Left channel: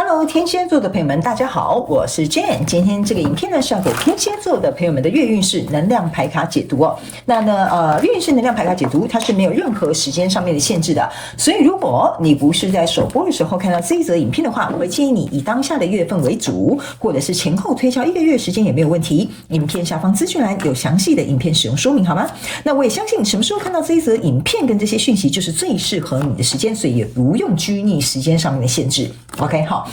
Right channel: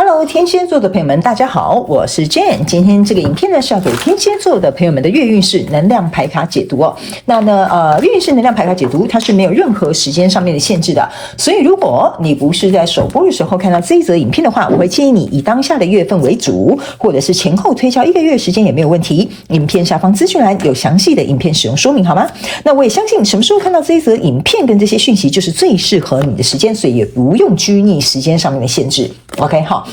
Hello， 天蝎座的朋友们，大家好，我是 Jane。今天这个影片呢是要给天蝎座的朋友们的月运势能量牌卡解读哦。那呢，月运势能量牌卡解读它是没有任何时间上面的限制的，所以如果你不是在首播的时候看到这一则影片的话，我会建议你以当下的月份为主，或者是前后推敲1个月时间也没有问题。影片下方资讯栏有详细的影片使用说明，好吗？那我也相信什么时候看到这一则影片跟这些讯息就是最适合你的时间，所以也不用拘泥时间上面的限制。OK， 好，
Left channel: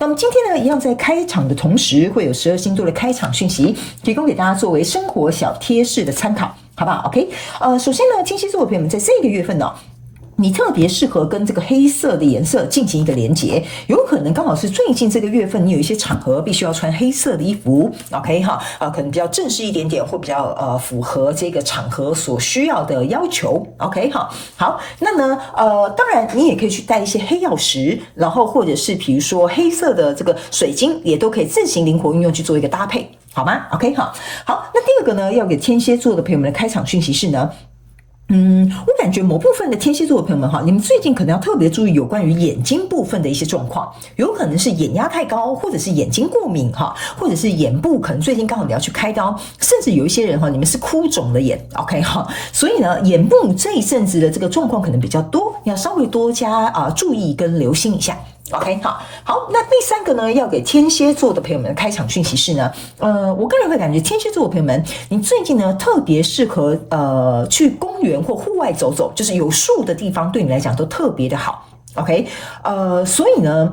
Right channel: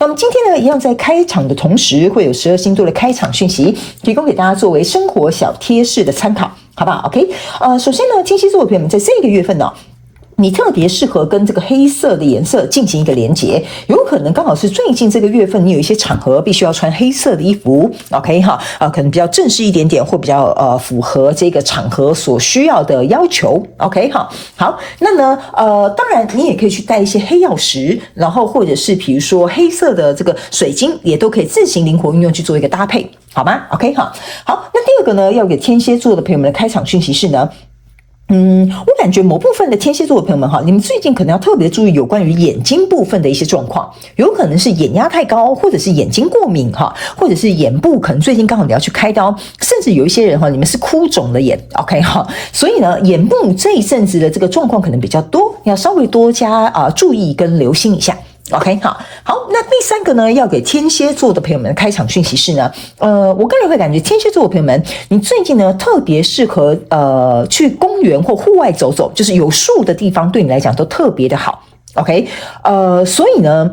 那我们今天呢，一样在开场的同时，会有12星座的开场讯息提供给大家作为生活小贴士的参考，好不好 ？OK， 首先呢，天蝎座的朋友们在这个月份呢，你特别适合跟这个黑色的颜色进行一个连结，有可能刚好是最近这个月份，你有一些场合必须要穿黑色的衣服 ，OK 哈，可能比较正式一点点，或比较符合这个场合所需要的要求 ，OK 哈。好，那呢当然你也可以去带一些黑曜石，然后或者是比如说黑色的这个水晶，也都可以自行灵活运用去做一个搭配，好吗 ？OK 哈。好，那第二个呢，要给天蝎座的朋友们的开场讯息是呢。我感觉某部分的天蝎座的朋友们哈，你们最近可能要特别注意有关于眼睛部分的一些状况，有可能是眼压太高，或者是眼睛过敏哈，或者是眼部可能最近刚好你要去开刀，甚至有一些人哈，你们是哭肿的眼 ，OK 哈，所以呢，眼部这一阵子的这个状况可能比较多，要稍微多加注意跟留心一下。OK， 好，那第三个呢，要给天蝎座的朋友们的开场讯息是呢，我个人会感觉天蝎座的朋友们，你最近呢特别适合去公园或户外走走，就是有树的地方对你来讲都特别的好。OK，所以呢，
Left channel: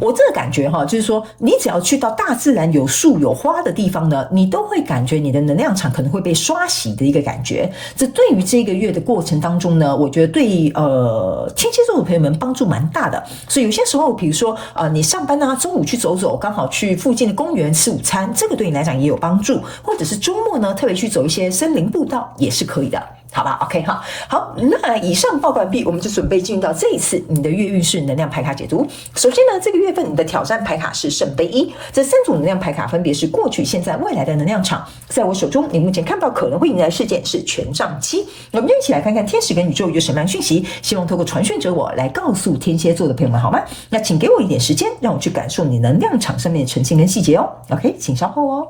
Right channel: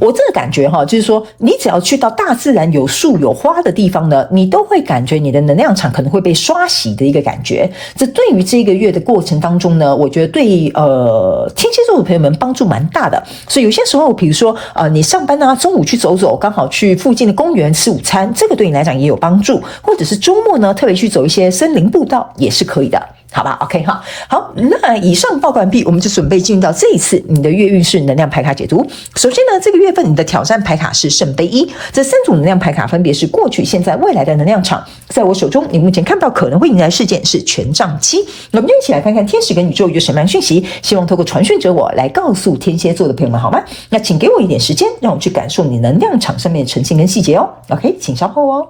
我这个感觉哈，就是说，你只要去到大自然有树有花的地方呢，你都会感觉你的能量场可能会被刷洗的一个感觉。这对于这个月的过程当中呢，我觉得对天蝎座的朋友们帮助蛮大的。所以有些时候，比如说你上班啊，中午去走走，刚好去附近的公园吃午餐，这个对你来讲也有帮助。或者是周末呢，特别去走一些森林步道也是可以的。好吧 ，OK 哈，好，那以上报告完毕，我们就准备进入到这一次你的月运势能量牌卡解读。首先呢，这个月份你的挑战牌卡是圣杯1，这3组能量牌卡分别是过去、现在、未来的能量场。在我手中，你目前看到可能会迎来事件是权杖7。那我们就一起来看看天使跟宇宙有什么样的讯息，希望透过传讯者我来告诉天蝎座的朋友们，好吗？那请给我一点时间，让我去感受你能量场上面的呈现跟细节哦。OK， 请稍后哦。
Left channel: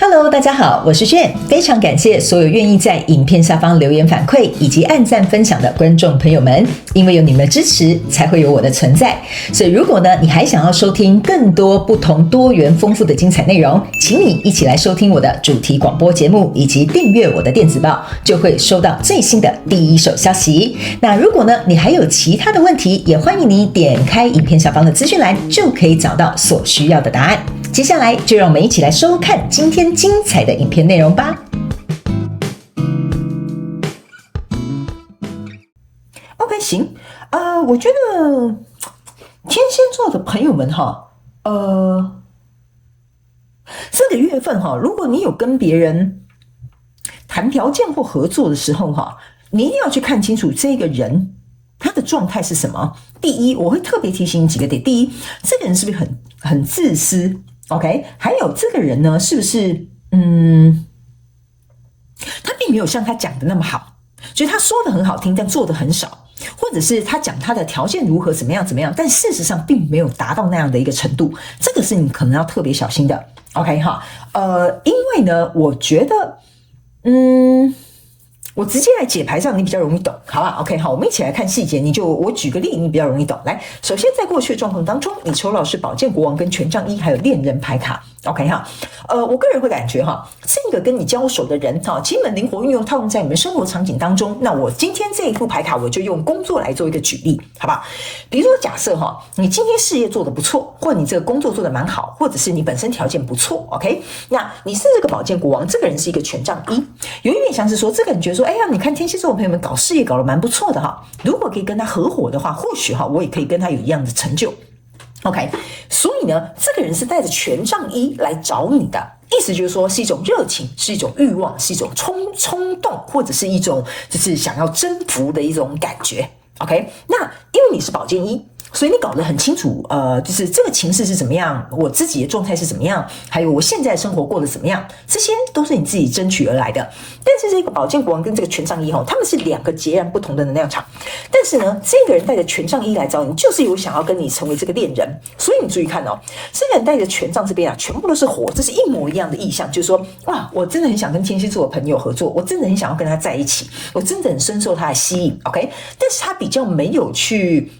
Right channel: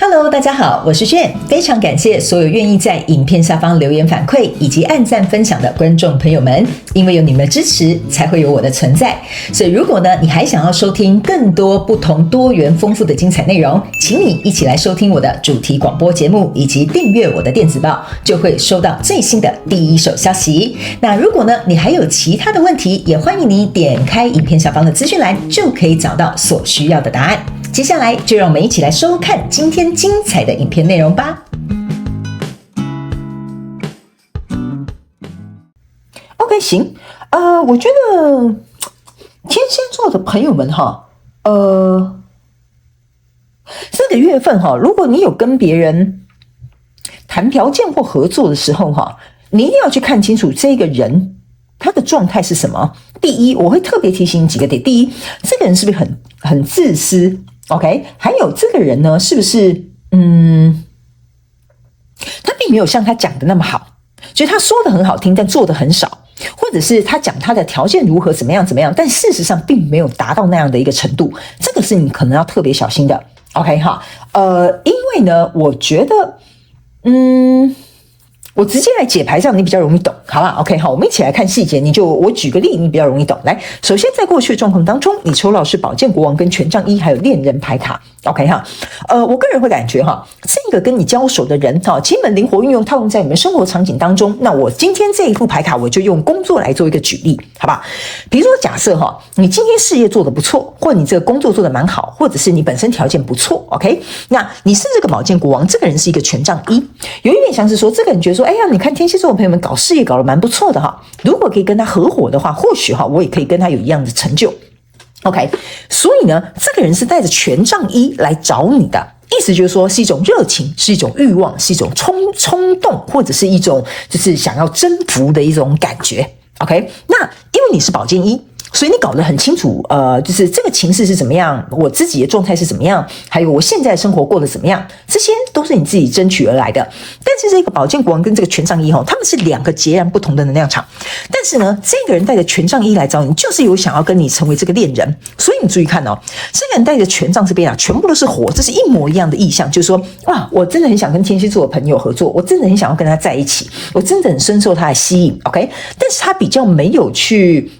Hello， 大家好，我是Jane，非常感谢所有愿意在影片下方留言反馈以及按赞分享的观众朋友们，因为有你们的支持，才会有我的存在。所以如果呢，你还想要收听更多不同多元丰富的精彩内容，请你一起来收听我的主题广播节目，以及订阅我的电子报，就会收到最新的第一手消息。那如果呢，你还有其他的问题，也欢迎你点开影片下方的资讯栏，就可以找到所需要的答案。接下来就让我们一起来收看今天精彩的影片内容吧。OK， 行，我觉得天蝎座的朋友们哈，这个月份哈，如果你有跟别人谈条件或合作的时候哈，你一定要去看清楚这个人他的状态是什么。第一，我会特别提醒你几个点。第一，这个人是不是很自私？ OK， 还有这个人呢，是不是他并没有像他讲的那么好，就是他说的很好听，但做的很少，或者是他讲他的条件如何怎么样，但事实上并没有达到那样的一个程度，这个是你可能要特别小心的。OK 哈，因为呢，我觉得我直接来解牌，这样你比较容易懂，好吧 ？OK， 好，我们一起来看细节。我举个例，你比较容易懂。来，首先在过去的状况当中，你抽到是宝剑国王跟权杖1，还有恋人牌卡。OK 哈，我个人会感觉哈，这个跟你交手的人哈，基本灵活运用套用在我们生活场景当中。那我今天这一副牌卡，我就用工作来做一个举例，好不好？比如说假设哈，你今天事业做得不错，或你这个工作做得蛮好，或者是你本身条件不错 ，OK， 那你是这个宝剑国王，这个人是一个权杖1，有一点像是说，这个人觉得说，哎呀，你看天蝎座的朋友们搞事业搞得蛮不错的哈，如果可以跟他合伙的话，或许哈，我也可以跟他有一样的成就。OK， 所以呢，这个人是带着权杖1来找你的，意思就是说是一种热情，是一种欲望，是一种冲动，或者是一种就是想要征服的一种感觉。OK， 那因为你是宝剑1，所以你搞得很清楚，就是这个情势是怎么样，我自己的状态是怎么样，还有我现在的生活过得怎么样，这些都是你自己争取而来的。但是这个宝剑国王跟这个权杖一他们是两个截然不同的能量场。但是呢，这个人带着权杖一来找你，就是有想要跟你成为这个恋人。所以你注意看哦，这个人带着权杖这边全部都是火，这是一模一样的意象，就是说哇，我真的很想跟天蝎座的朋友合作，我真的很想要跟他在一起，我真的很深受他的吸引 ，OK？ 但是他比较没有去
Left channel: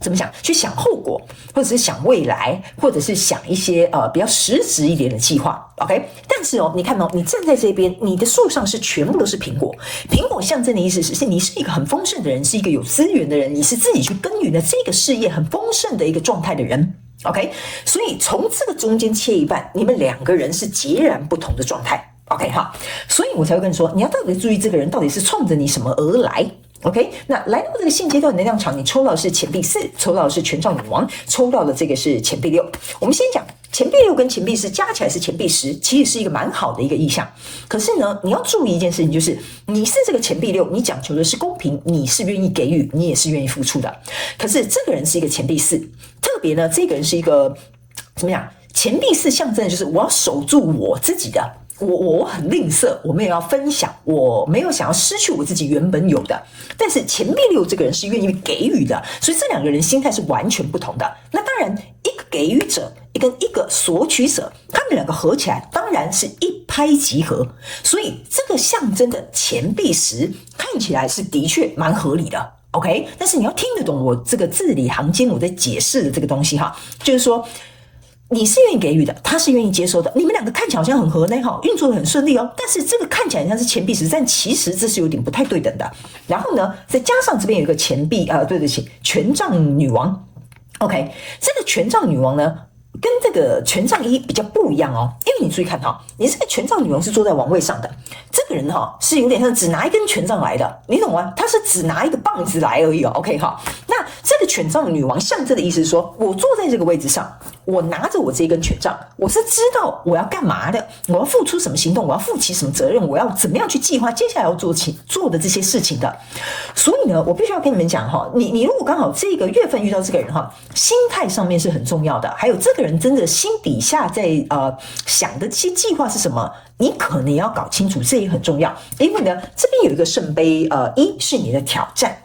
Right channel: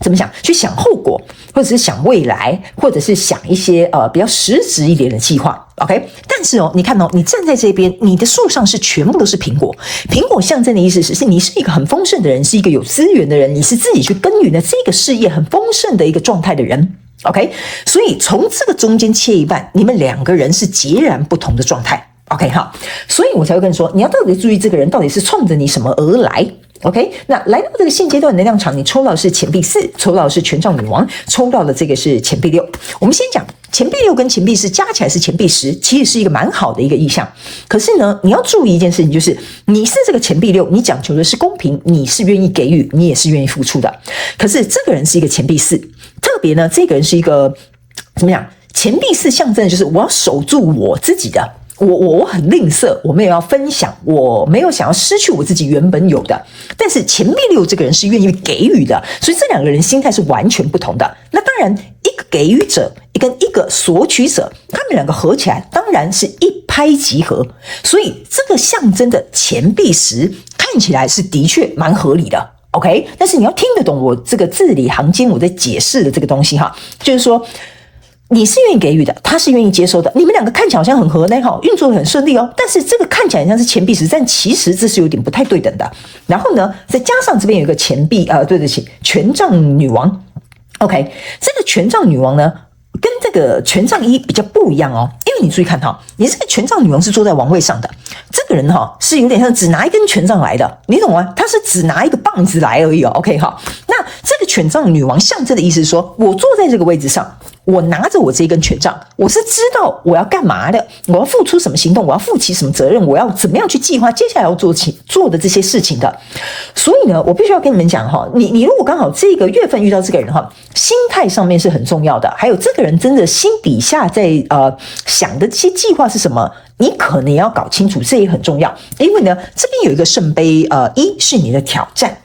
怎么讲？去想后果，或者是想未来，或者是想一些比较实质一点的计划 ，OK？ 但是你看你站在这边，你的树上是全部都是苹果，苹果象征的意思是你是一个很丰盛的人，是一个有资源的人，你是自己去耕耘的这个事业很丰盛的一个状态的人。OK， 所以从这个中间切一半，你们两个人是截然不同的状态。OK， 好，所以我才会跟你说，你要到底注意这个人到底是冲着你什么而来。OK， 那来到这个现阶段的能量场，你抽到的是钱币4，抽到的是权杖女王，抽到的这个是钱币6。我们先讲钱币6跟钱币4加起来是钱币10，其实是一个蛮好的一个意象。可是呢，你要注意一件事情，就是你是这个钱币6，你讲求的是公平，你是愿意给予，你也是愿意付出的。可是这个人是一个钱币4，特别呢，这个人是一个怎么样？钱币4象征的就是我要守住我自己的。我很吝啬，我没有要分享，我没有想要失去我自己原本有的。但是钱币6这个人是愿意给予的，所以这两个人心态是完全不同的。那当然，一个给予者跟一个索取者，他们两个合起来，当然是一拍即合。所以这个象征的钱币10看起来是的确蛮合理的。OK， 但是你要听得懂我这个字里行间我在解释的这个东西哈，就是说。你是愿意给予的，他是愿意接收的，你们两个看起来好像很合呢，运作很顺利哦。但是这个看起来像是钱币10，但其实这是有点不太对等的。然后呢，再加上这边有一个钱币对不起，权杖女王。OK， 这个权杖女王呢，跟这个权杖1比较不一样哦，因为你注意看你这个权杖女王是坐在王位上的，这个人是有点像只拿一根权杖来的，你懂吗？他是只拿一个棒子来而已哦。OK， 好，那这个权杖女王象征的意思是说，我坐在这个位置上，我拿着我这一根权杖，我是知道我要干嘛的，我要付出什么行动，我要负起什么责任，我要怎么样去计划接下来要做的这些事情的。所以呢，我必须要跟你们讲你如果刚好这个月份遇到这个人心态上面是很重要的，还有这个人真的心底下在想的这些计划是什么，你可能也要搞清楚，这也很重要。因为呢，这边有一个圣杯1是你的挑战。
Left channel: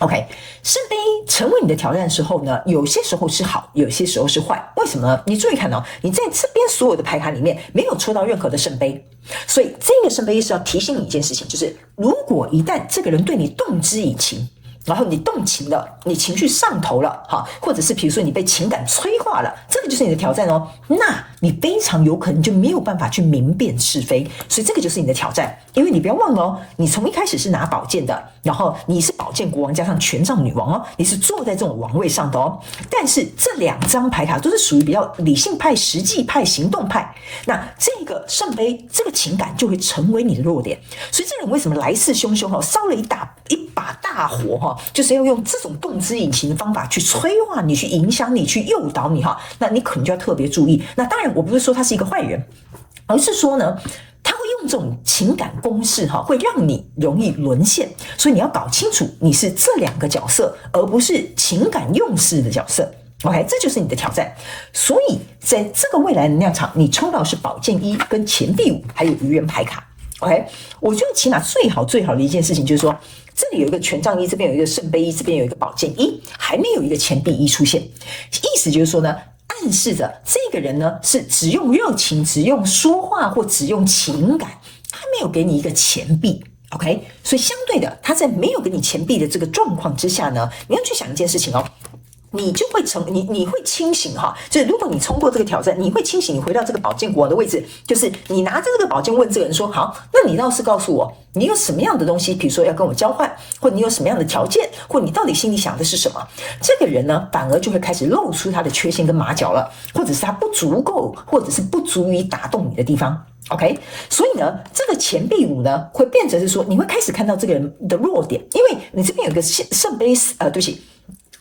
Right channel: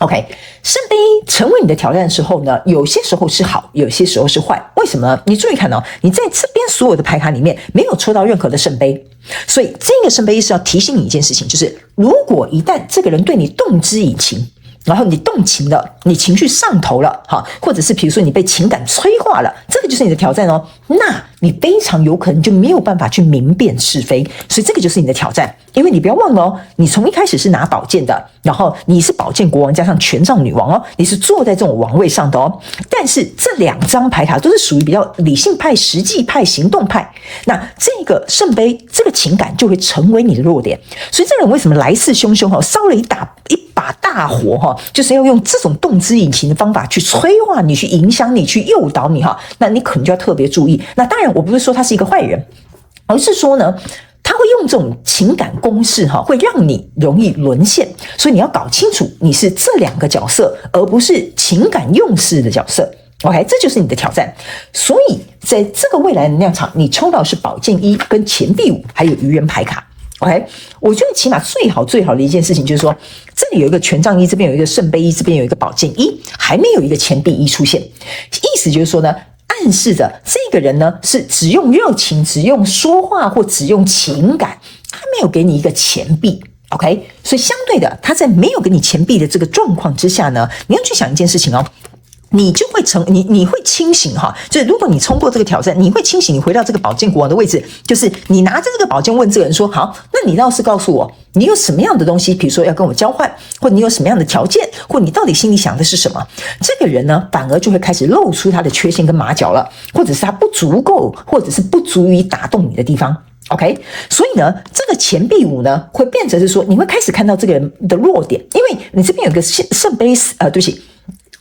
OK， 圣杯成为你的挑战的时候呢，有些时候是好，有些时候是坏。为什么呢？你注意看你在这边所有的牌卡里面没有抽到任何的圣杯，所以这个圣杯是要提醒你一件事情，就是如果一旦这个人对你动之以情，然后你动情了，你情绪上头了或者是比如说你被情感催化了，这个就是你的挑战那你非常有可能就没有办法去明辨是非，所以这个就是你的挑战。因为你不要忘了你从一开始是拿宝剑的，然后你是宝剑国王加上权杖女王你是坐在这种王位上的但是这两张牌卡都是属于比较理性派、实际派、行动派，那这个圣杯这个情感就会成为你的弱点。所以这人为什么来势汹汹烧了一把大火就是要用这种动之以情的方法去催化你，去影响你，去诱导你那你可能就要特别注意。那当然我不是说他是一个坏人，而是说呢他会用这种情感攻势会让你容易沦陷，所以你要搞清楚你是这两个角色，而不是情感用事的角色。OK， 这就是你的挑战。所以在这个未来能量场，你抽到的是宝剑1跟钱币5还有愚人牌卡。OK， 我觉得起码最好的一件事情就是说，这里有一个权杖1，这边有一个圣杯1，这边有一个宝剑1，还没有一个钱币1出现。意思就是说呢，暗示着这个人呢是只用热情、只用说话或只用情感，他没有给你一个钱币。OK， 所以相对的，他在没有给你钱币的这个状况之下呢，你要去想一件事情你就会你会清醒就是如果你冲过这个挑战，你会清醒，你回到这个宝剑国王的位置，就是你拿着这个宝剑问这个人说，好，那你倒是告诉我，你有什么样的东西，比如说要跟我交换，或你有什么样的条件，或你到底心里想的是什么？这个人呢，反而就会开始露出他的缺陷跟马脚了，或者是他不足够，或者是不足以打动你的地方。OK， 所以呢，这个钱币5呢，会变成是说，你会开始看到这个人的弱点，因为你这边有个圣杯对不起。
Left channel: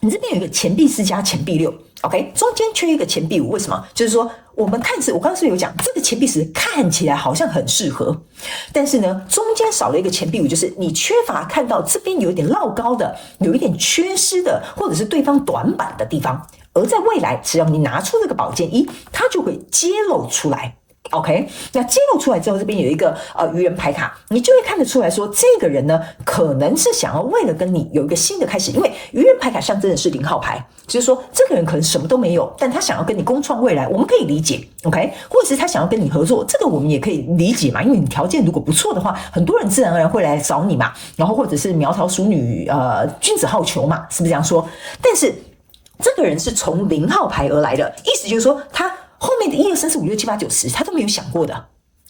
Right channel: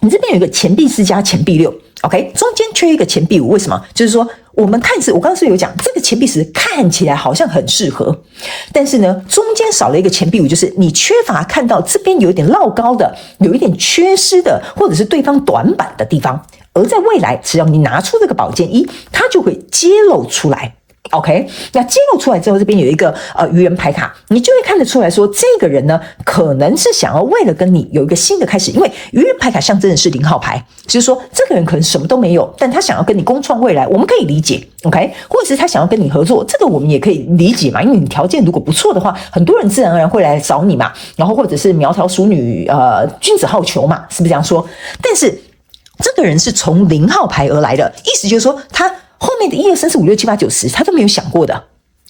你这边有一个钱币4加钱币6 ，OK， 中间缺一个钱币5，为什么？就是说我们看似我刚刚是有讲这个钱币十看起来好像很适合，但是呢，中间少了一个钱币五，就是你缺乏看到这边有一点落高的，有一点缺失的，或者是对方短板的地方。而在未来，只要你拿出这个宝剑一，它就会揭露出来。OK， 那揭露出来之后，这边有一个愚人牌卡，你就会看得出来说，这个人呢，可能是想要为了跟你有一个新的开始，因为愚人牌卡象征的是0号牌，就是说这个人可能什么都没有，但他想要跟你共创未来，我们可以理解 ，OK， 或者是他想要跟你合作，这个我们也可以理解嘛，因为你条件如果不错的话，很多人自然而然会来找你嘛，然后或者是苗条淑女，君子好逑嘛，是不是这样说？但是这个人是从0号牌而来的，意思就是说他。后面的1、2、3、4、5、6、7、8、9、10，他都没有想过的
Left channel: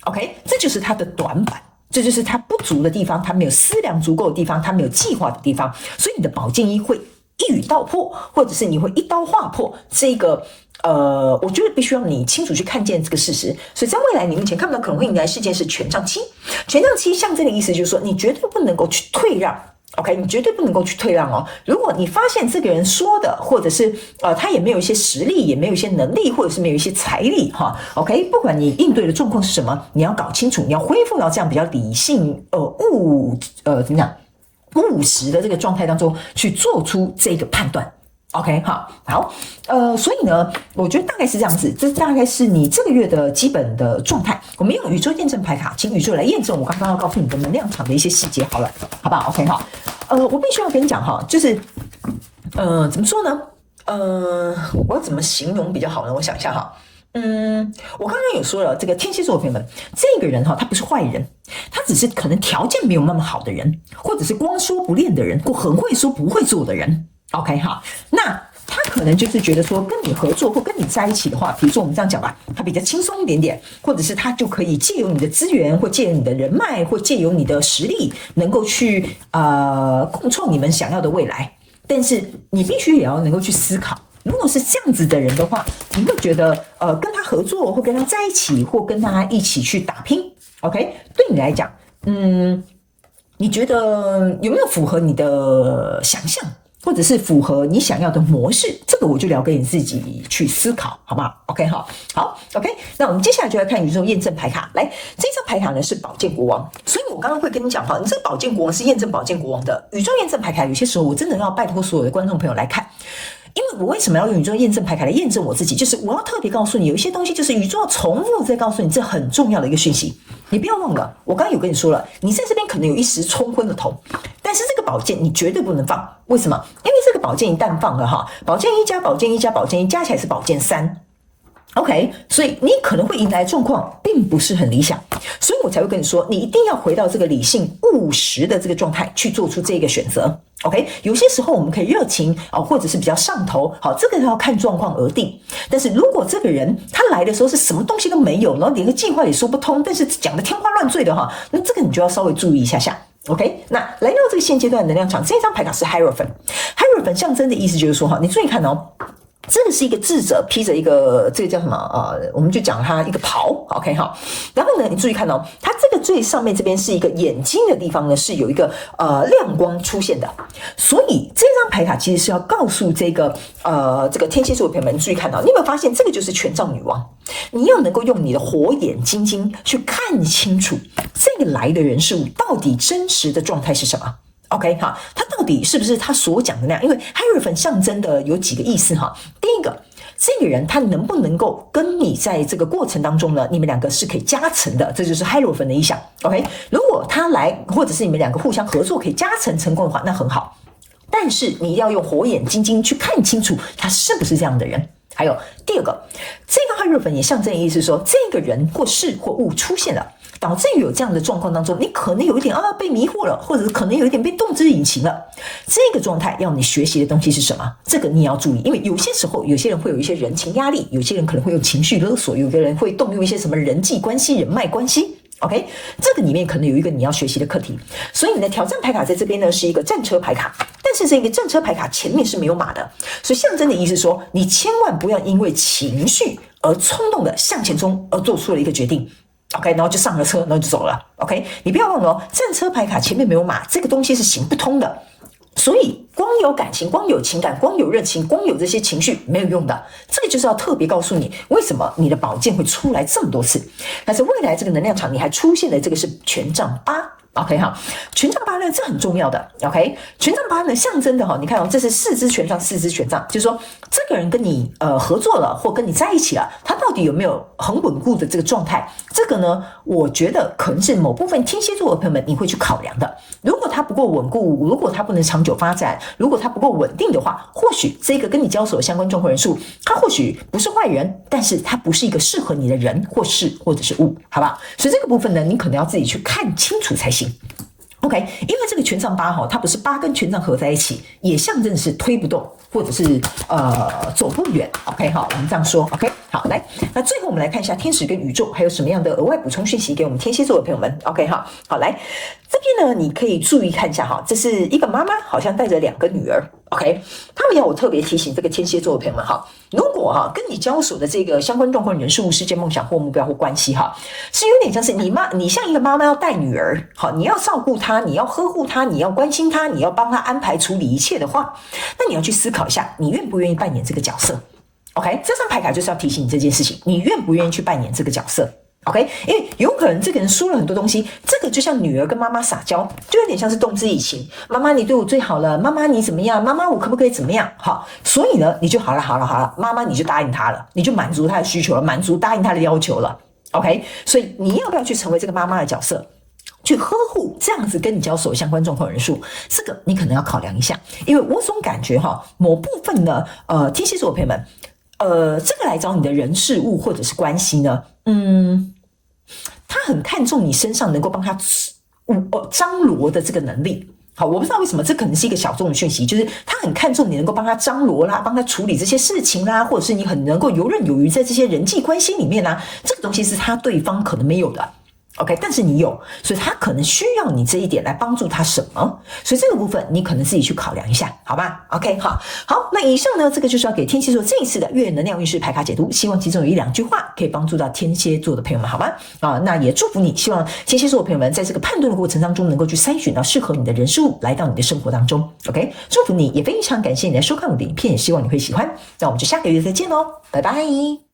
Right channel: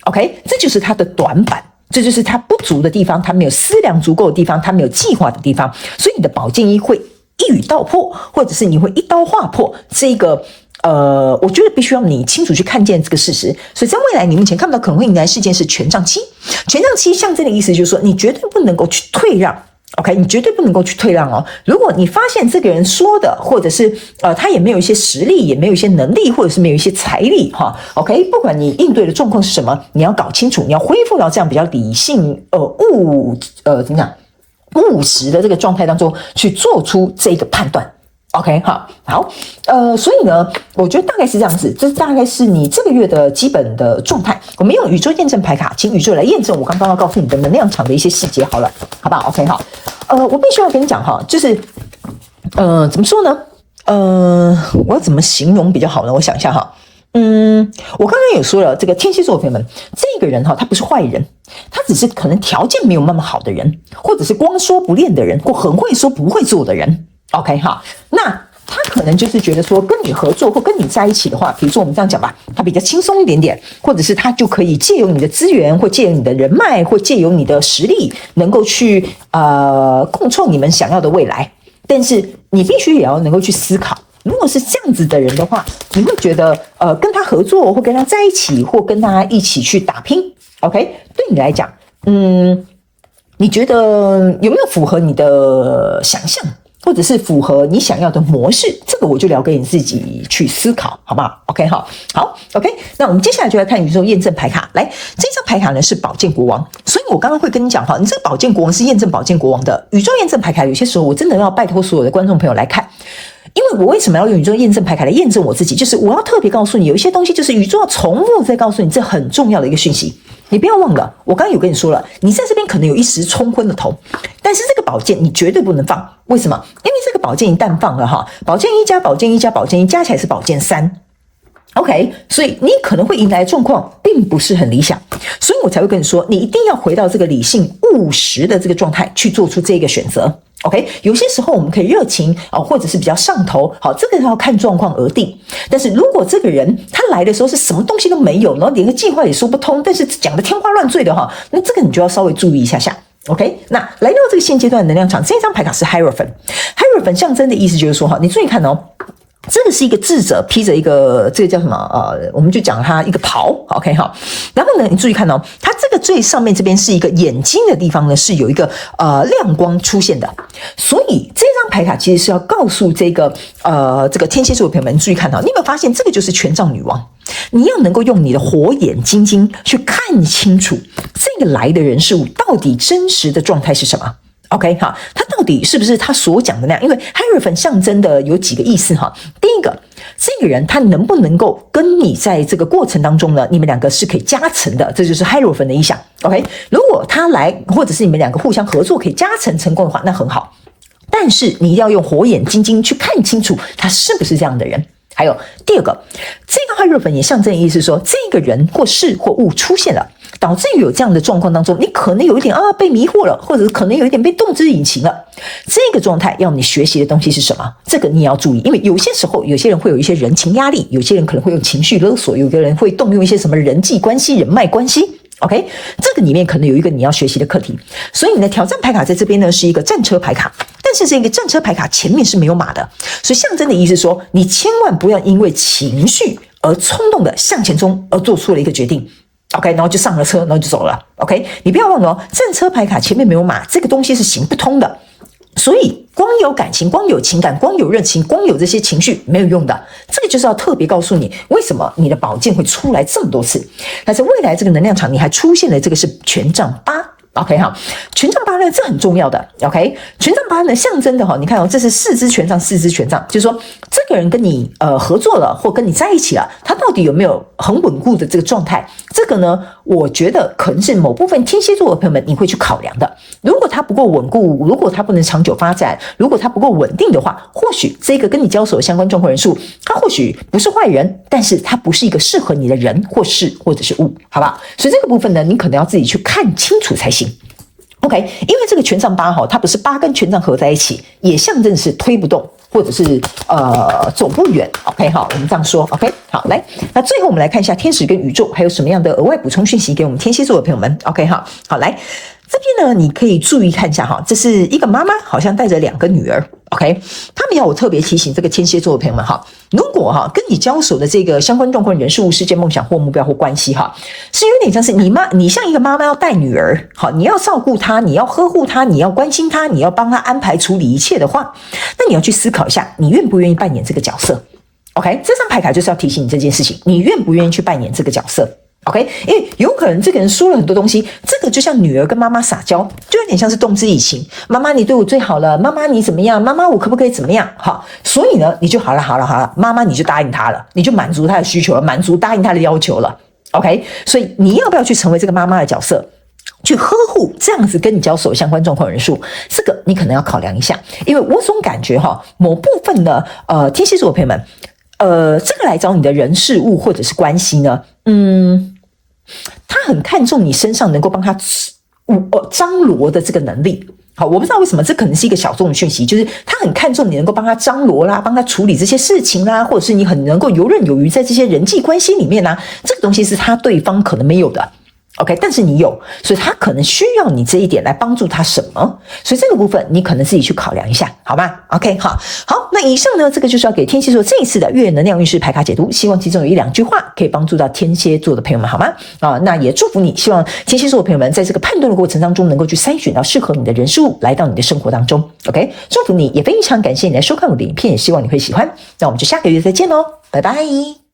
，OK， 这就是他的短板，这就是他不足的地方，他没有思量足够的地方，他没有计划的地方，所以你的宝剑一会一语道破，或者是你会一刀划破这个。我觉得必须要你清楚去看见这个事实，所以在未来你目前看不到可能会迎来事件是权杖7，权杖7象征的意思就是说你绝对不能够去退让。OK， 你绝对不能够去退让哦。如果你发现这个人说的，或者是他也没有一些实力，也没有一些能力，或者是没有一些财力哈。OK， 不管你应对的状况是什么，你要搞清楚，你要恢复到这样比较理性怎么讲务实的这个状态当中去做出这个判断。OK， 好，所以呢，我觉得大概是这样子，这大概是你这个月的基本的状态。我们用宇宙验证牌卡，请宇宙来验证我刚刚要告诉你的能量场的一些细节，好了，好不好 ？OK， 好，我必须要跟你讲哈，就是，怎么说呢？我要怎么形容比较好呢？我想一下哈。我刚刚也说了，这个天蝎座的朋友们，这个人哈，他不是坏人，他只是可能条件没有那么好的人，或者是光说不练的人，或很会说不会做的人。OK 哈，那他可能就是觉得说跟你合作或跟你在一起的话，比如说我们这样讲吧，他比较轻松一点点，或者是他就可以借由你的资源，或借由你的人脉，或借由你的实力，能够去共创你们想要的未来。但是你必须也要能够去思考，如果是这样子的人的话，你会觉得跟他合作，或跟他在一起，或跟他一起去打拼 ，OK， 对你来讲，你觉得有没有符合你的想象？或者是符合你想要的模式，这个我就留给你自己去思考，好不好 ？OK， 好 ，OK。那我们接下来就来看宇宙验证牌卡。来，这张牌卡呢是宝剑国王，所以我刚刚会跟你讲哈，你这个宝剑国王是验证宝剑国王的宇宙验证牌卡。有些时候我真的要拜托所有的观众朋友来看。因为我为什么要用宇宙验证牌卡来验证我自己？就是我要特别告诉你，有一些东西就是宇宙要重复再告诉你，这很重要的一个讯息。你不要忘了，我刚刚有跟你说了，你在这边可能有一时冲昏了头，但是这个宝剑你绝对不能放。为什么？因为这个宝剑一旦放了哈，宝剑一加宝剑一加宝剑一加起来是宝剑3。OK， 所以你可能会迎来的状况并不是很理想，所以我才会跟你说，你一定要回到这个理性务实的这个状态去做出这个选择。OK， 有些时候我们可以热情或者是比较上头，好，这个要看状况而定。但是如果这个人他来的时候是什么东西都没有，然后连个计划也说不通，但是讲的天花乱坠的哈，那这个你就要稍微注意一下下。OK， 那来到这个现阶段的能量场，这张牌卡是 Hierophant 象征的意思就是说哈，你注意看哦。这个是一个智者披着一个这个叫什么我们就讲他一个袍 ，OK 哈。然后呢，你注意看哦，它这个最上面这边是一个眼睛的地方呢，是有一个亮光出现的。所以这张牌卡其实是要告诉这个天蝎座的朋友们，注意看哦，你有没有发现这个就是权杖女王？你要能够用你的火眼金睛去看清楚这个来的人事物到底真实的状态是什么。OK 哈，他到底是不是他所讲的那样？因为 Hierophant 象征的有几个意思哈。第一个，这个人他能不能够跟你在这个过程当中呢，你们两个是可以加成的，这就是 Hierophant 的意象。OK， 如果他来，或者是你们两个互相合作可以加成成功的话，那很好。但是你一定要用火眼金睛去看清楚他是不是这样的人。还有第二个，这个 Hierophant 也象征的意思是说，这个人或事或物出现了，导致于有这样的状况当中，你可能有一点被迷惑了，或者可能有一点被动之以情了。这个状态要你学习的东西是什么？这个你也要注意，因为有些时候有些人会有一些人情压力，有些人可能会有情绪勒索，有的人会动用一些什么人际关系、人脉关系。OK， 这个里面可能有一个你要学习的课题，所以你的挑战牌卡在这边呢是一个战车牌卡，但是这个战车牌卡前面是没有马的，所以象征的意思说，你千万不要因为情绪而冲动的向前冲而做出了一个决定。OK， 然后就上了车，然后就走了。OK， 你不要忘了哦，战车牌卡前面没有马，这个东西是行不通的。所以光有感情、光有情感、光有热情、光有这些情绪没有用的，这个就是要特别告诉你，为什么你的宝剑会出来这么多次。但是未来这个能量场你还出现了这个是权杖8。OK 哈，权杖8呢，这很重要的。OK， 权杖8呢，象征的你看这是4支权杖，就是说这个人跟你合作了，或跟你在一起了，他到底有没有很稳固的这个状态？这个呢，我觉得可能是某部分天蝎座的朋友们你会去考量的。如果他不够稳固，如果他不能长久发展，如果他不够稳定的话，或许这个跟你交手的相关状况人数，他或许不是坏人，但是他不是一个适合你的人或事或者是物，好吧？所以这个部分呢，你可能要自己去看清楚才行。OK， 因为这个权杖8它不是8跟权杖合在一起，也象征是推不动，或者是走不远。OK 好，我们这样说。OK 好，来，那最后我们来看一下天使跟宇宙还有什么样的额外补充讯息给我们天蝎座的朋友们。OK 好，来这边呢，你可以注意看一下这是一个妈妈，好像带着2个女儿。OK， 他们要我特别提醒这个天蝎座的朋友们如果跟你交手的这个相关状况人事物事件梦想或目标或关系是有点像是你像一个妈妈要带女儿你要照顾她，你要呵护她，你要关心她，你要帮她安排处理一切的话，那你要去思考一下，你愿不愿意扮演这个角色。 OK， 这张牌卡就是要提醒你这件事情，你愿不愿意去扮演这个角色。OK， 因为有可能这个人说了很多东西，这个就像女儿跟妈妈撒娇，就有点像是动之以情。妈妈你对我最好了，妈妈你怎么样？妈妈我可不可以怎么样？所以呢，你就好了，妈妈你就答应他了，你就满足他的需求了，答应他的要求了。OK， 所以你要不要去成为这个妈妈的角色，去呵护这样子跟你交手相关状况人数？这个你可能要考量一下，因为我总感觉某部分的天蝎座的朋友们，这个来找你的人事物或者是关系呢，他很看重你身上能够帮他张罗的这个能力。好，我不知道为什么，这可能是一个小众的讯息，就是他很看重你能够帮他张罗啦，帮他处理这些事情啦，或者是你很能够游刃有余在这些人际关系里面啊，这个东西是他对方可能没有的。OK， 但是你有，所以他可能需要你这一点来帮助他什么？所以这个部分你可能自己去考量一下，好吧 ？OK， 好，那以上呢，这个就是要给天蝎座这一次的月能量运势牌卡解读，希望其中有1-2句话可以帮助到天蝎座的朋友们，好吗？那也祝福你，希望天蝎座的朋友们在这个判断的过程当中，能够去筛选到适合你的人事物来到你的生活当中。OK， 祝福你，也非常感谢你来收看我的影片，也希望你会喜欢。那我们就下个月再见喽，拜拜。